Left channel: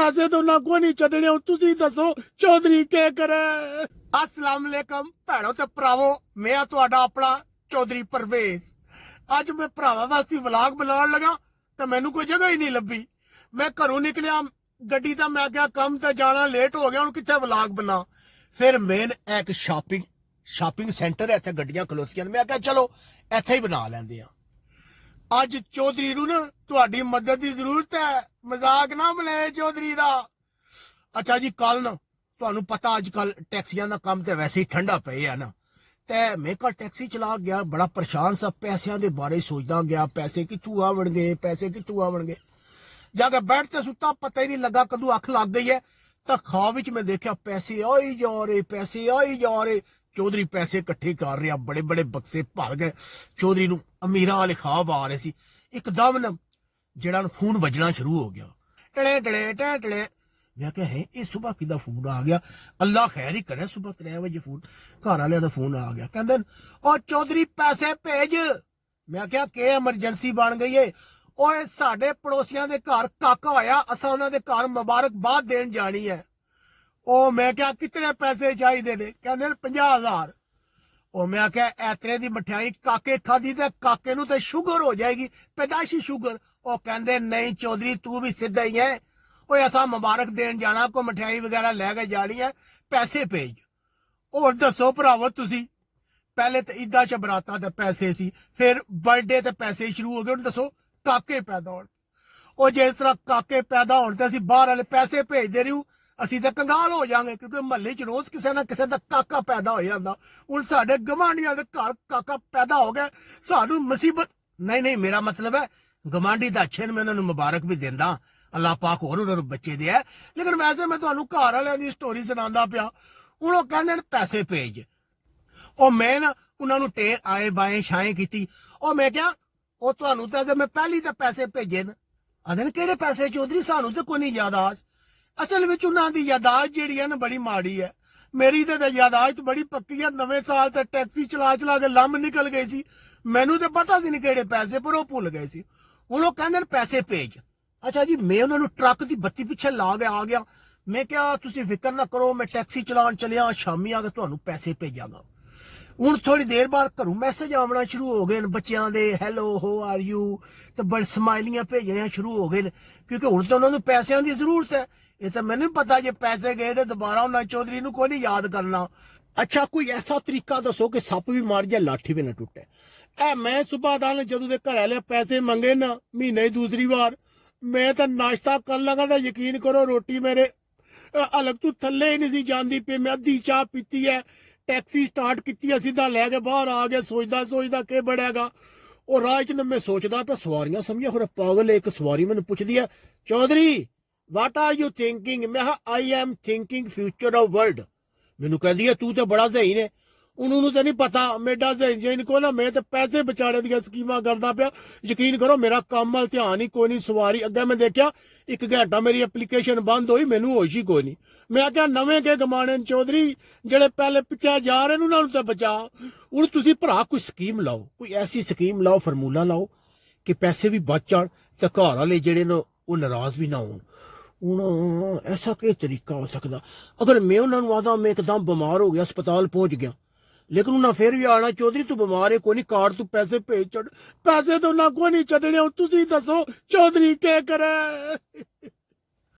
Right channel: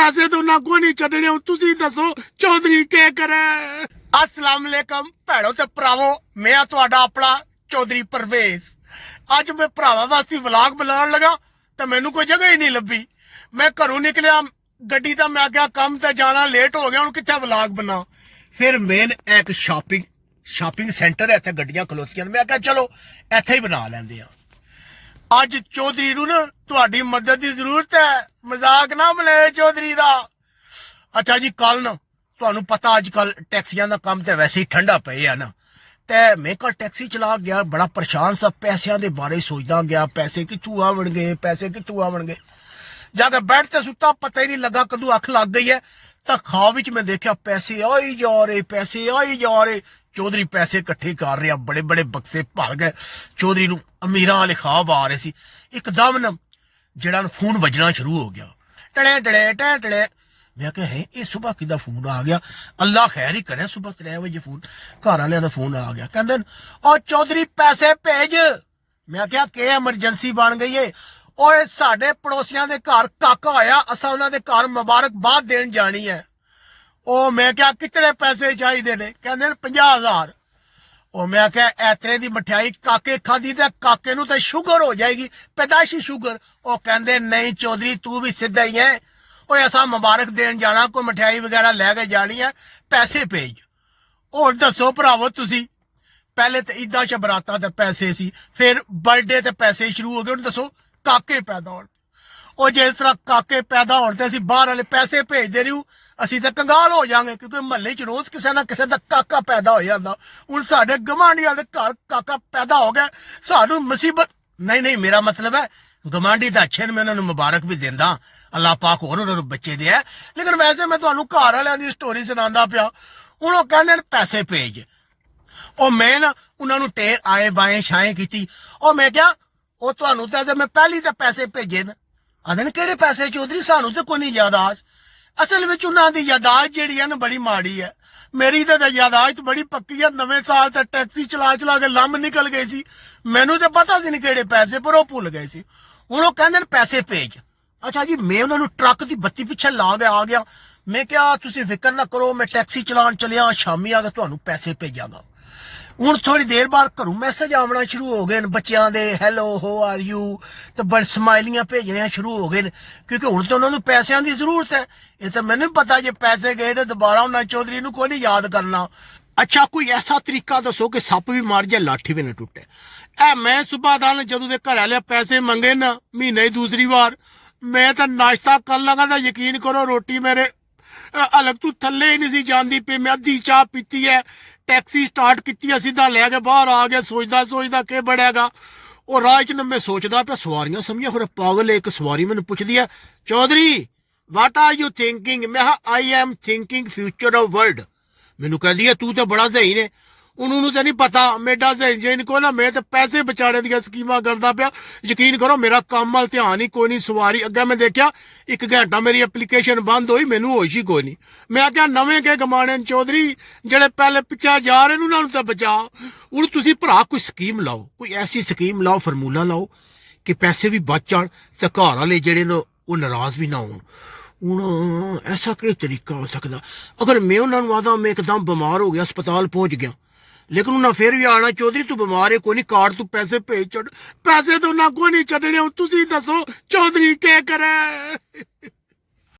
पैसे तो ना कोई नहीं छड्डने तुसी दसो चौधरी के करे। अस्सलाम वालेकुम भैणो ते भरावो, मैं तुहाडा अपना चौधरी परवेज। अज मैं भरावां वास्ते व्लॉग बनाउण लगा ते मैनू कोई जगह ही नहीं लभी। मैं घरों निकलिया गड्डी दा, मैं क्या कम ते जाना लेट हो गया, हुण कित्थे व्लॉग बना। फिर मेन एक शॉपिंग सेंटर है, इत्थे गड्डियां खलोतियां, मैं क्या चलो इत्थे ही बना लैंदे आ। अज चौधरी नूं ना तुहाडी मदद की जरूरत है, मजाक ना बनाए चौधरी दा। अच्छा जी, कल ना तुहानूं पता अजकल टैक्सियां दा काम ते वैसे ही ठंडा पे है ना, ते मैं कल टैक्सी चला गया, बड़ा परेशान सा, पैसों के बारे सोचदा गया, पैसे कित्थों आवणगे, पैसे कित्थों आवणगे। जाके बैठ ते सुता, पता ही नहीं लगा कदों अख लग गई है, तो ख्वाब विच मैं देखा पैसे आई जा रहे, पैसे आई जा रहे। चौधरी पैसे इकट्ठे कर रहा, बड़े बड़े बक्से भर गए। चौधरी नूं अमीरां वाले ख्वाब आ रहे सी। एकदम न जेड़ा फोन बजना शुरू हो गया, टड़े टड़े टड़े टड़े। मैं क्या है ये सुबह किदा फोन आ गया, अल्लाह खैर ही करे, सुबह 3 बजे फोन घर वाले दा फोन आ गया, कहंदे ओ चौधरी पैसे भेज। मैं क्या के एमरजेंसी बन गई है, ओए साडे पड़ोसियां दे घर काका होया, असां उन्हां दे घर मुबारकबाद देन जानी है। ओ मैं क्या कितने पैसे चाहिए ने, कहंदे 50,000। ओ मैं क्या एतरे दी मठियाई काके खादी ते काके नूं ते शुगर हो जाएगी, पैदाइशी शुगर। ओ कहंदे नहीं चौधरी तू भी सीधा ही है, ओए असां मुबारक देन जाना, कोई मठियाई वगैरह लैके जानी है, पैसे भेज। और दसो भरावो तुसी, पहले तो ईदा च बरातां ते पैसे सी, फिर बर्थडे ते पैसे शुरू हो गए, हुण दसो काके पैदा होण। और जिस तरह काके पैदा होण ते असीं बाहर वाले पैसे भेजदे रहूं, असीं तो कंगाल हो जाएंगे, क्योंकि महल्ले च रोज किसी ना किसी का काका पैदा हो जाता। हुण साडे गवांढियां दे घर काका पैदा हो गया, सानू मुसीबत नहीं। नहीं मेरा मतलब है गवांढी तो अच्छे ने, मैं उन्होंने मुबारक भी देंदा, अल्लाह पाक होर उन्होंने बच्चे दे। लेकिन वैसे मैं तुहानू घर वालियां दी स्टोरी सुनांदा पिया। हुण ओह कहंदे ने पैसे भेज, और मैं ना उन्होंने टेर आए बाएं छाएं की। और मैं क्या ਉਹ ਤੁਹਾਨੂੰ ਤਾਂ ਜੇ ਮੈਂ ਪਹਿਲੀ ਤਾਂ ਪੈਸੇ ਭੇਜੇ ਨਾ, ਆਂਦੇ ਨੇ ਕਿਹੜੇ ਪੈਸੇ ਚੌਧਰੀ, ਸਾਨੂੰ ਤਾਂ ਕੋਈ ਨਹੀਂ ਯਾਦਾਸ਼ਤ। ਅਸਲ ਵਿੱਚ ਉਹਨਾਂ ਦੀ ਯਾਦਾਸ਼ਤ ਜਿਹੜੀ ਹੈ ਨਾ ਬੜੀ ਮਾੜੀ ਹੈ। ਮੇਰੀ ਤਾਂ ਯਾਦਾਸ਼ਤ ਬੜੀ ਪੱਕੀ ਹੈ, ਨਵੇਂ ਸਾਲ ਤੇ ਟੈਕਸੀ ਚਲਾ ਕੇ ਲੰਮ ਨਿਕਲ ਗਏ ਸੀ, ਮੈਨੂੰ ਤਾਂ ਪਤਾ ਸੀ ਨਹੀਂ ਕਿਹੜੇ ਪੈਸੇ, ਪਰ ਉਹ ਭੁੱਲ ਗਏ ਸੀ। ਹੁਣ ਉਹ ਕਹਿੰਦੇ ਨੇ ਪੈਸੇ ਭੇਜ। ਅੱਛਾ ਜੀ, ਮੈਂ ਉਹਨਾਂ ਨੂੰ ਟਰੱਕ ਦੀ ਬੱਤੀ ਪਿੱਛੇ ਲਾ ਕੇ ਆ ਗਿਆ। ਮੈਂ ਕਿਹਾ ਤੁਸੀਂ ਫਿਕਰ ਨਾ ਕਰੋ, ਮੈਂ ਟੈਕਸੀ ਚਲਾਉਣ ਚੱਲਿਆ, ਸ਼ਾਮੀ ਆ ਕੇ ਤੁਹਾਨੂੰ ਪੈਸੇ ਭੇਜਾਂਗਾ। ਹੁਣ थोड़ी देर बाद घरों मैसेज आना शुरू हो गए बच्चों के, हैलो हो आर यू, तो बड़ स्माइलियां भेजनिया शुरू हो गए, क्योंकि हूँ तो उन्होंने पैसों की जरूरत है। ये तो मैंने पता जे पैसे गए तो दोबारा उन्हें चौधरी नूं कोई नहीं याद करना। अच्छा कोई ऐसा तरीका दसो कि सप भी मार जाए लाठी भी ना टुटे। ऐ मैं सुबह दान जदों दे घर वाले पैसे मंगे ना महीने दूसरी बार, मैं तो नाश्ता कर लगा तो यकीन करो रोटी मेरे अलग तू थले ही नहीं सी जाती पी। मैं अद्धी चाह पीती है, टैक्सी स्टार्ट की, सीधा लैके बाहर आ गया, सोचदा के बड़ेगा। और राह च मैं सोचदा पे सवारियां समझिया फिर पागल। एक सवारी मैंने पुछदी है, Chaudhary what are you thinking? मैं I am thinking future of world. मैनू कहदी है तू तो बड़ा सही ने, उन्होंने तो नहीं पता मेरा सही को ना, मैं तो पैसे बचाने दी स्कीमां करदा पिया। यकीन करो मेरा काम वाल ध्यान ही कोई नहीं। सवारी अगे मैं देखा 1 घंटा मेरी एप्लीकेशन बंद हुई, मैनू होश ही कोई नहीं। मैं क्या नवे के गमाने चौधरी, जेड़े पहले पिछा जा रहे उन्होंने तो बचा। हुण तुसीं भरा कोई स्कीम लाओ, कोई ऐसी स्कीम लाओ, फार्मूला लाओ कि पैसे भी बच जाण ते घर वाले जेड़े ने वो नाराज भी ना होण। हुण ऐसा कि तरीका हो सकदा? अगर मैं उन्होंने आदा मैं एकदम बीमार हो गया, अस्पताल पहुंच गया, लेकिन उन्हें फिर भी आना, चौधरी तू बीमार है कोई नहीं, कार्ड तू पैसे भेज छड़। पैसे तो ना कोई नहीं छड्डने, तुसीं दसो चौधरी के करे।